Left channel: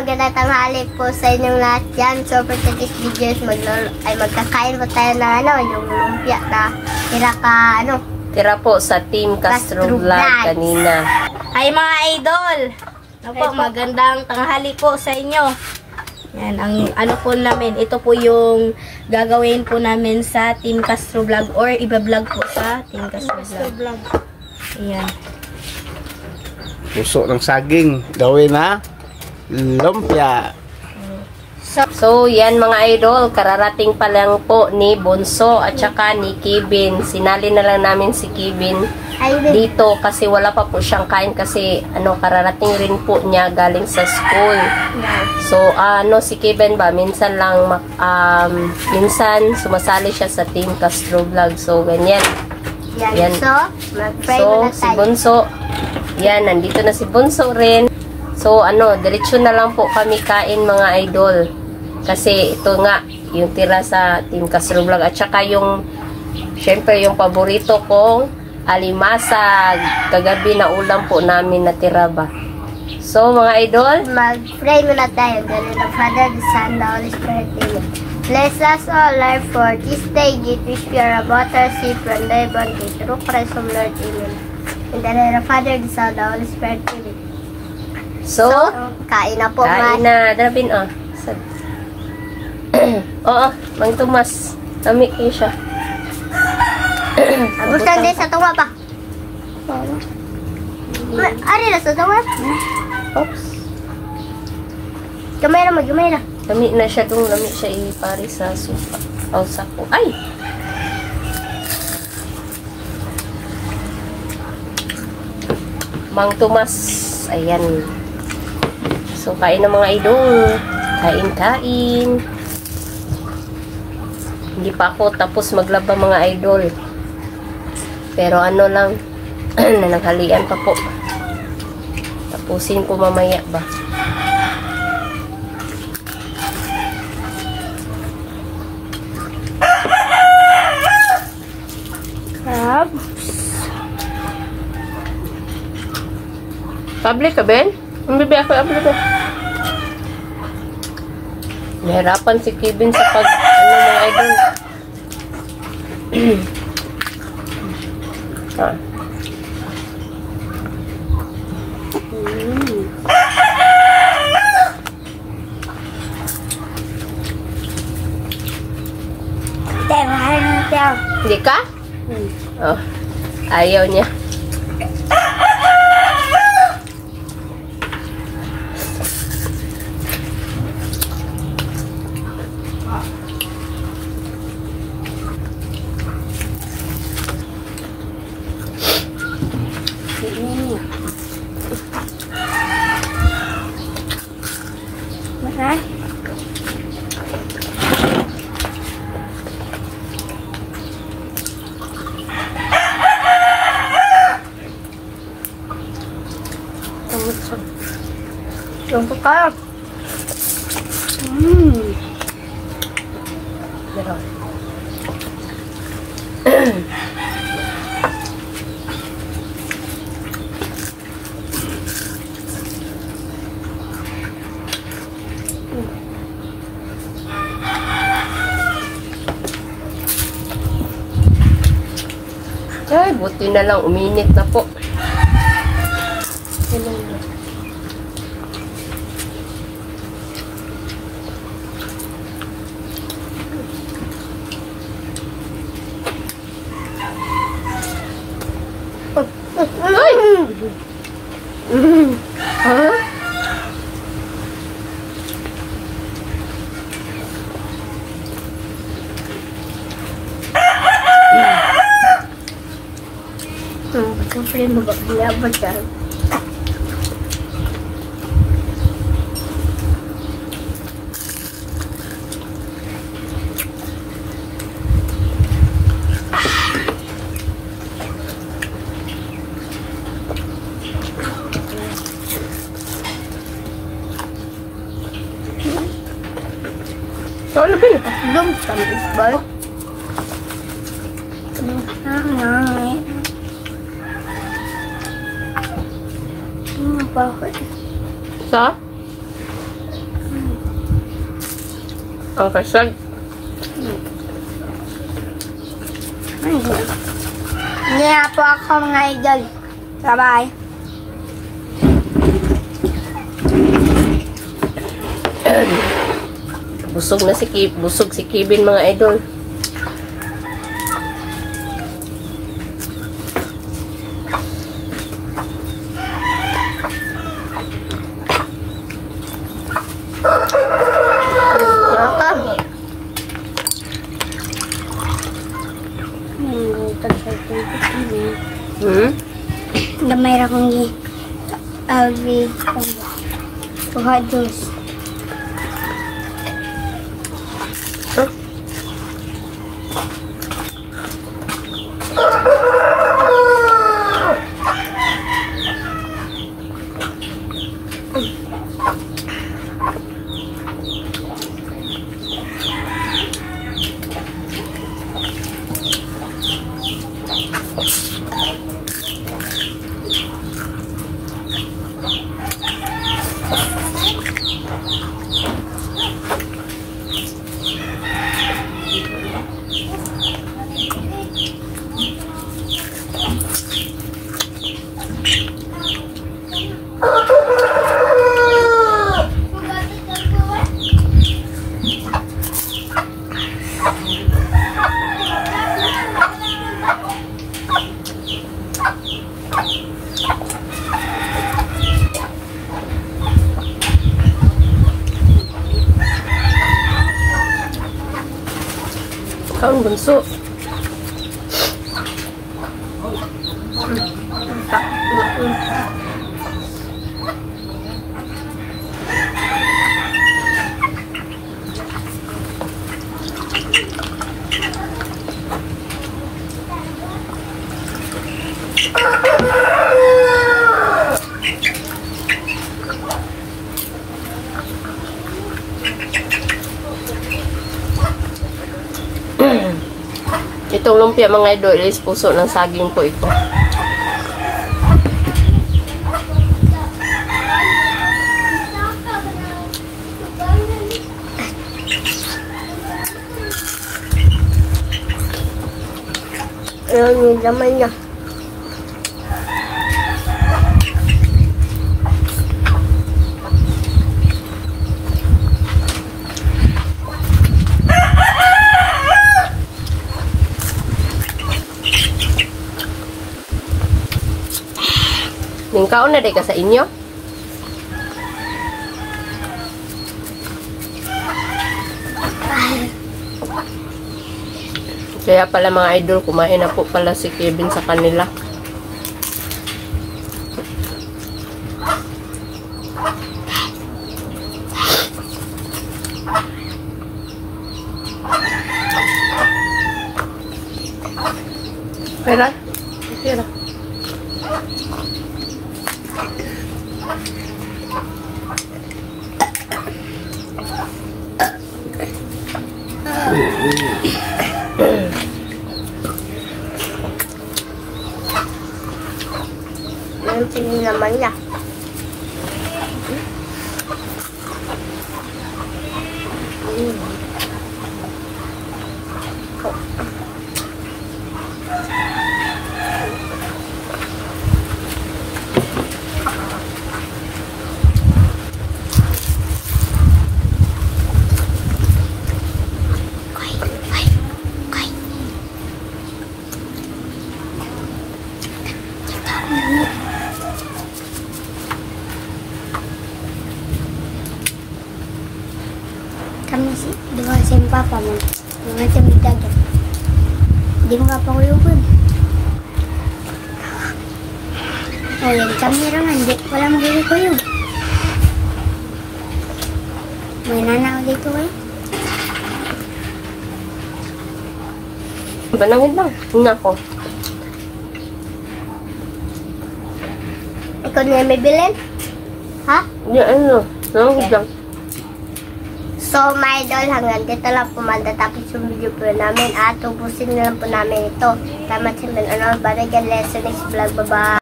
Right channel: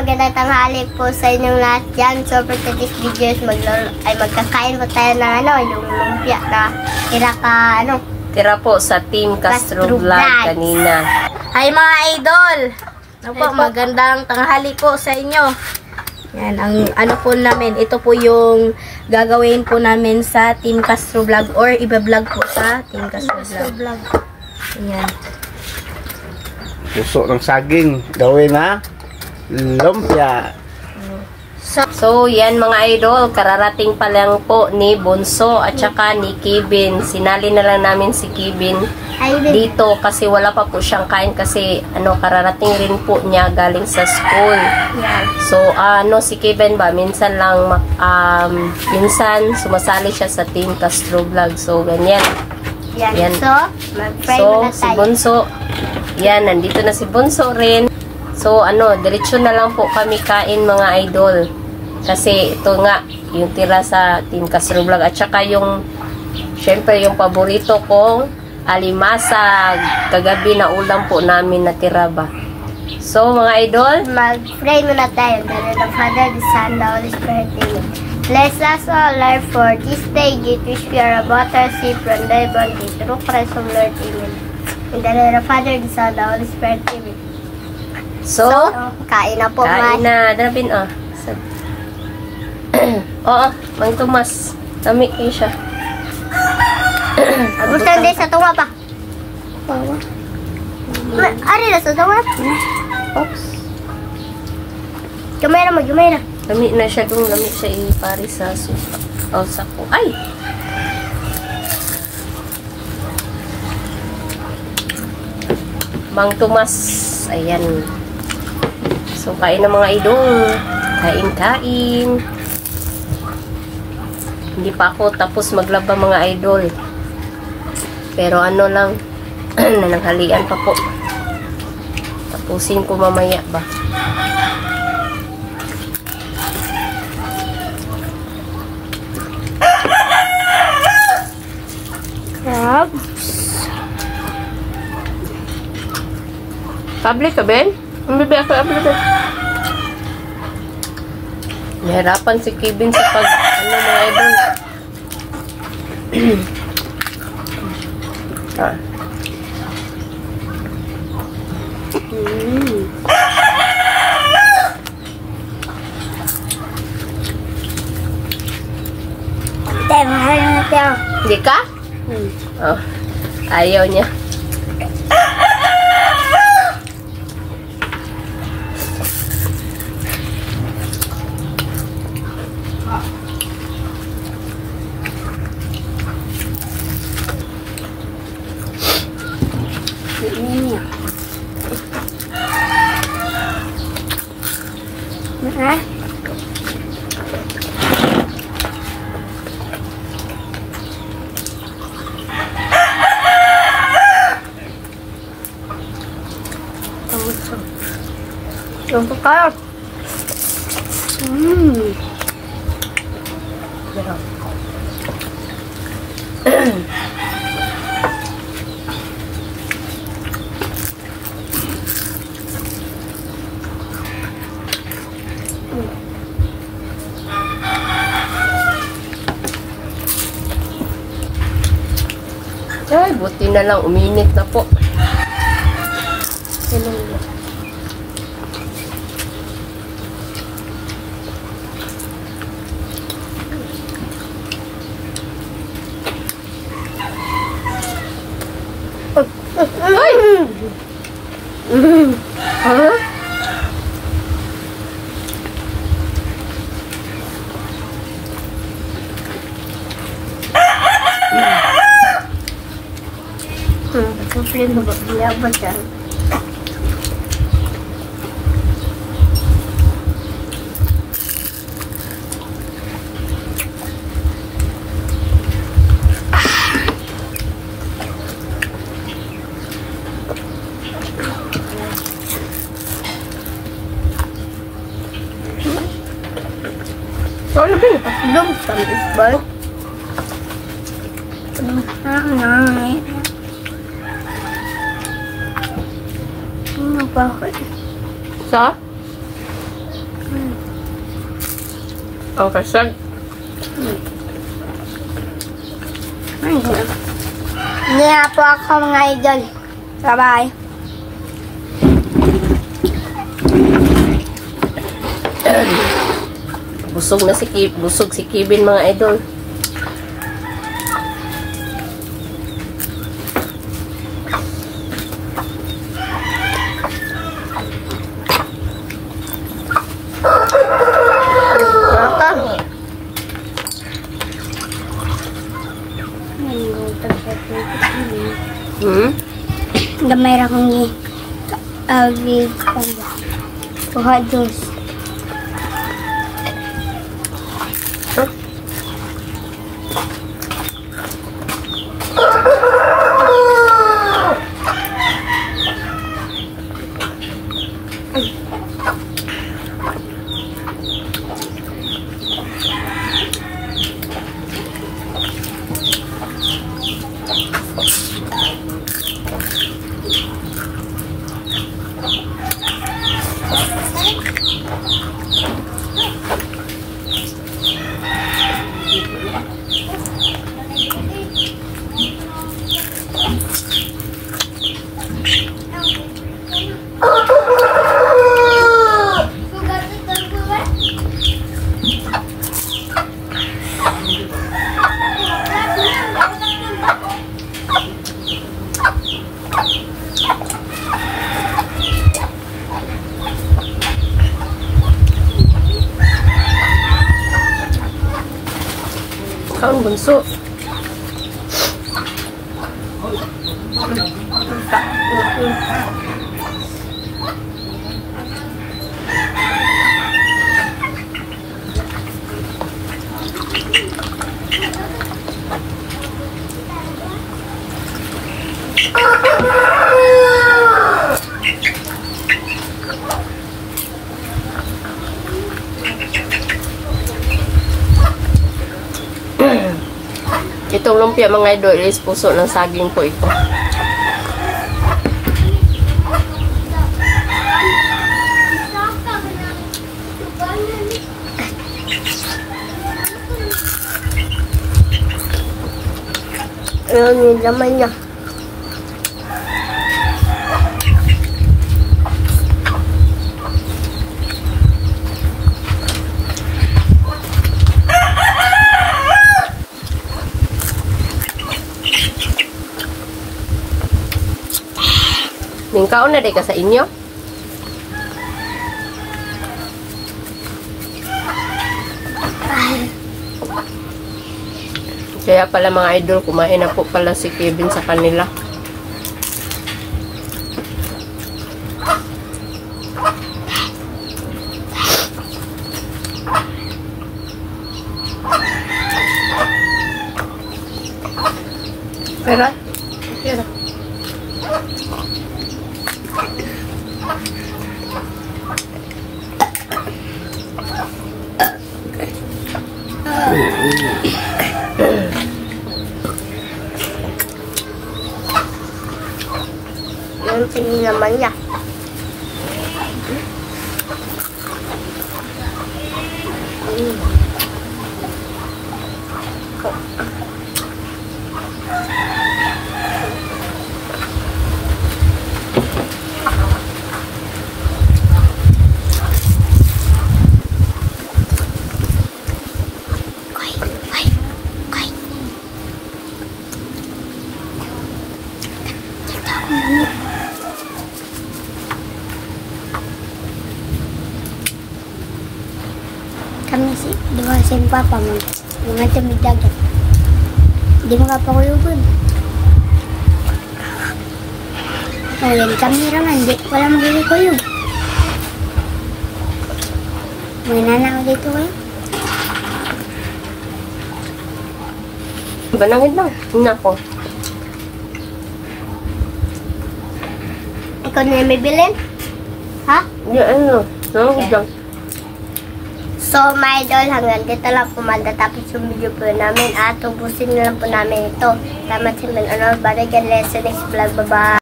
magandang tanghali po sa inyong lahat dyan. So, for today's video is magkakain po tayo ng yung lumpia na tira po sa Team Castro Vlog kanina. Hi mga idol! Magandang tanghali po sa inyo. Yan, ang po namin, ito po yung gagawin po namin sa Team Castro Vlog or iba-vlog po sa Team Castro Vlog. Ayan. Puso ng saging, gawin na lumpia. So, yan mga idol, kararating pa lang po ni Bunso at saka ni Kevin. Sinali na lang namin si Kevin dito kasi wala pa po siyang kain kasi kararating rin po niya galing sa school. So, si Kevin ba, minsan lang, minsan sumasali siya sa Team Castro Vlog. So, ganyan. Yan. So, mag-pray muna tayo. Si Bunso, yan, nandito na si Bunso rin. So, diretso na lang po kami kain mga idol. Kasi ito nga, yung tira sa Team Castro Vlog. At saka yung, syempre, yung paborito kong alimasag. Kagabi na ulam po namin na tira ba. So, mga idol, mag-pray muna tayo. The Lord of Father, the Son, the Holy Spirit, Amen. Bless us all, Lord, for this day. Give which we are about to receive from thy bounty. Through Christ our Lord, Amen. In the name of the Father, the Son, the Holy Spirit, Amen. So, kain na po, kain na. Darapin, Oo, Mang Tomas. Lami kayo siya. Abutan din sa tunga pa. Ari na sa tunga. Oops. Gamay na, gamay na. Lami na siya dong. Lami siya ipari sa suka. O, sako. Ay! Mang Tomas. Ayan. So, kain na mga idol. Kain-kain. Hindi pa ako tapos maglaba mga idol. Pero lang, nananghalian pa po. Tapusin ko mamaya ba. Public ka, Ben? Ang bibiyak ko, public. Nahirapan si Kevin sa pag, mga idol. Hindi ka? Oh, ayaw niya. Yung pagkayo. Ay, buti na lang. Uminit na po. Ay! Ha? Siyempre, magpapilabot yan. So, ano ba yung pasilong? Tamis ba? Bakit? Sa? Okay, sir. Hindi nga po ako mga idol. Bye-bye. Busog si Kevin mga idol. Damay ra kong kuha juice. Kaon bunso. Itong lumpia mga idol is puso ng saging po ito. Ayan yung laman niya. Ningkaon na day ka sa inyo? Kaya pala mga idol, kumain na po pala si Kevin sa kanila. Pera? Pera. Yan tingin naman niya. Kami si, di ba si Papa mo, mga tamid dagat. Di mo ka pa kuyugon. O yan, kami rangan, di, wala magiging kuyog. May nanaw dito kayo. Banangin lang. Nako. Ikaw na may bilin? Ha? Yung ano, nangagod lang. So, my idol, hanggang dito lang po matatapos yung video po namin at ubusin na lang po namin ito. Tama sa mga balikan lesson next vlog. Bye-bye!